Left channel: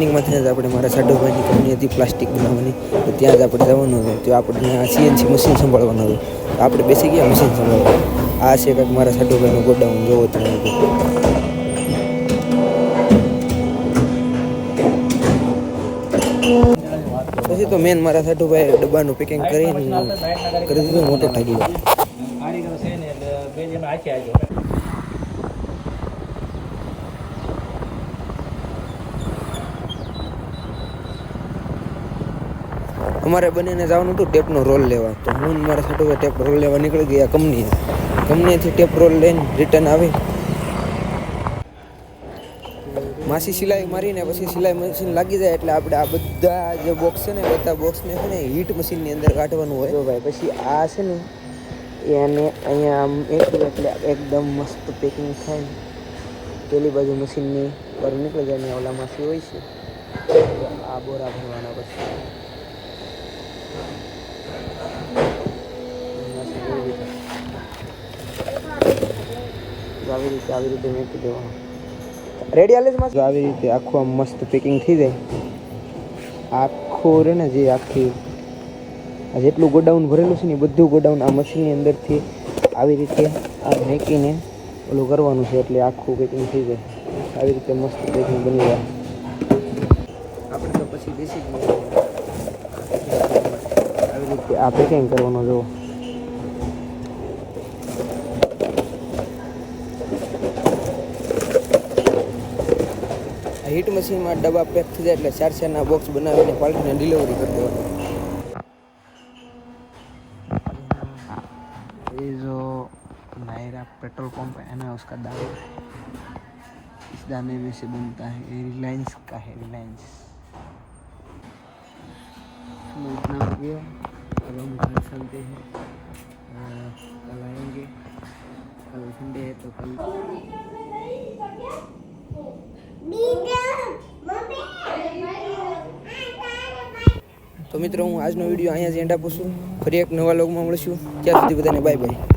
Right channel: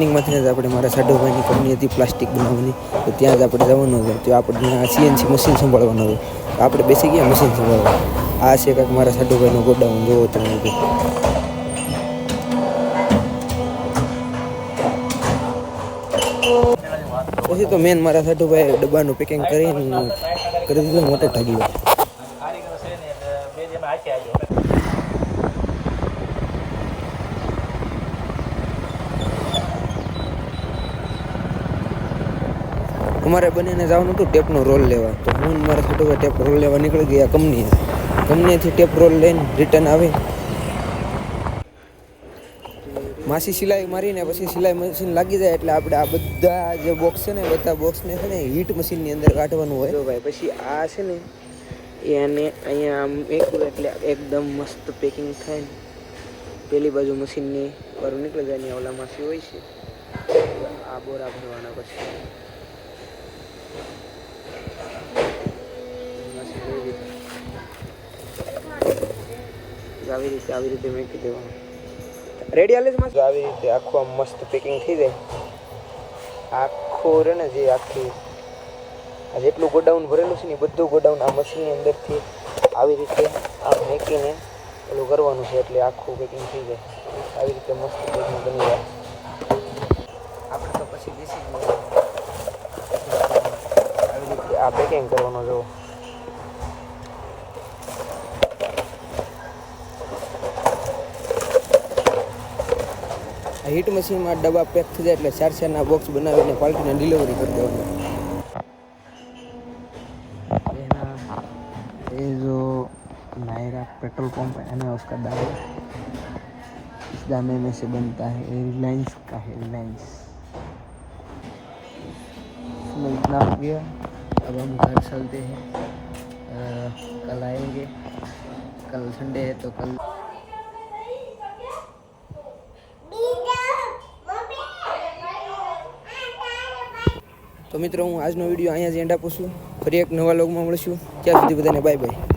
રનિંગમાંથી જ આપણે મારા સાઢુભાઈની કંપની હતી પ્લાસ્ટિક બનાવવાની, તો ત્યાં જ આપણે જવાનું હતું. તો આપણે આ સીએનસી મશીન સંભાળવાનું હતું. તો આપણે બેસી ગયા મશીન સંભાળવા. આ છે કાંઈક મારા સાઢુભાઈનું ગોડાઉન, જોવો તમે બધું. પછી તો મેન મારા સાઢુભાઈ ડબ્બાનું પેકિંગ કરીને કરી દીધું મોટો ઢગલો. અમારે બંનેને જવાનું હતું ટેપનો રોલ લેવા. તો હું મારા સાઢુભાઈ ટેપ રોલ લેવા નીકળી ગયા કંપનીએથી ટેપ રોલ લઈને રિટર્ન આવે. માસી સિલાઈ મારીને પછી સિલાઈ મશીન લાગી જાય એટલે આપણે આ બધા જે બોક્સ છે ને બધા બોક્સને છે ને હીટ મશીનની અંદર કાઢવાનું હોય. તો ભાઈ પછી આ છે ને એને અહીંયા આમ એકલું એટલે એકદમ મસ્ત પેકિંગ થાય ને. પેલી બાજુ મશીનની બહાર નીકળી જાય ને ઓલા માસી હોય છે આ બોરા ભરવાના. પછી આવી રીતે મેકી દેવાનું. રેડી હાલે છે આવી રીતે આખું આમ મસ્ત પેકિંગ થઈ જાય. આખું રે ને જે આખી જેટલું ગોડાઉન ભરેલું છે ને બધું ગોડાઉન આ મશીનની અંદરથી આવી રીતે આમ મેકીને ઓલું કરવાનું છે એટલે આખું પેકિંગ થઈ જાય. આવી રીતે મસ્ત પેકિંગ બની જાય. આપણે તો પછી બેસી જ આવી રીતે આ પેકિંગ કરવાનું. જો હીટ મશીનમાં ડબ્બા પેક થઈ જાય એટલે 4-4ના બોક્સ બનાવીને પાલટીને ડિલિવરી કરી દેવાની. ये जो नायरा पेट्रोल पंप है ना उसका दाम इस दामे में से बनता है. ये रिलायंस का है. रिलायंस इसमें इतना हो गया. अब हम घर चलते हैं. कल आएंगे. कल संडे है तो कल તો મિત્રો હું આજનો વિડીયો અહીંયા જ એન્ડ આપું છું. ફરી એક નવા લોગમાં મળીશું. ત્યાં સુધી બધાને બાય બાય.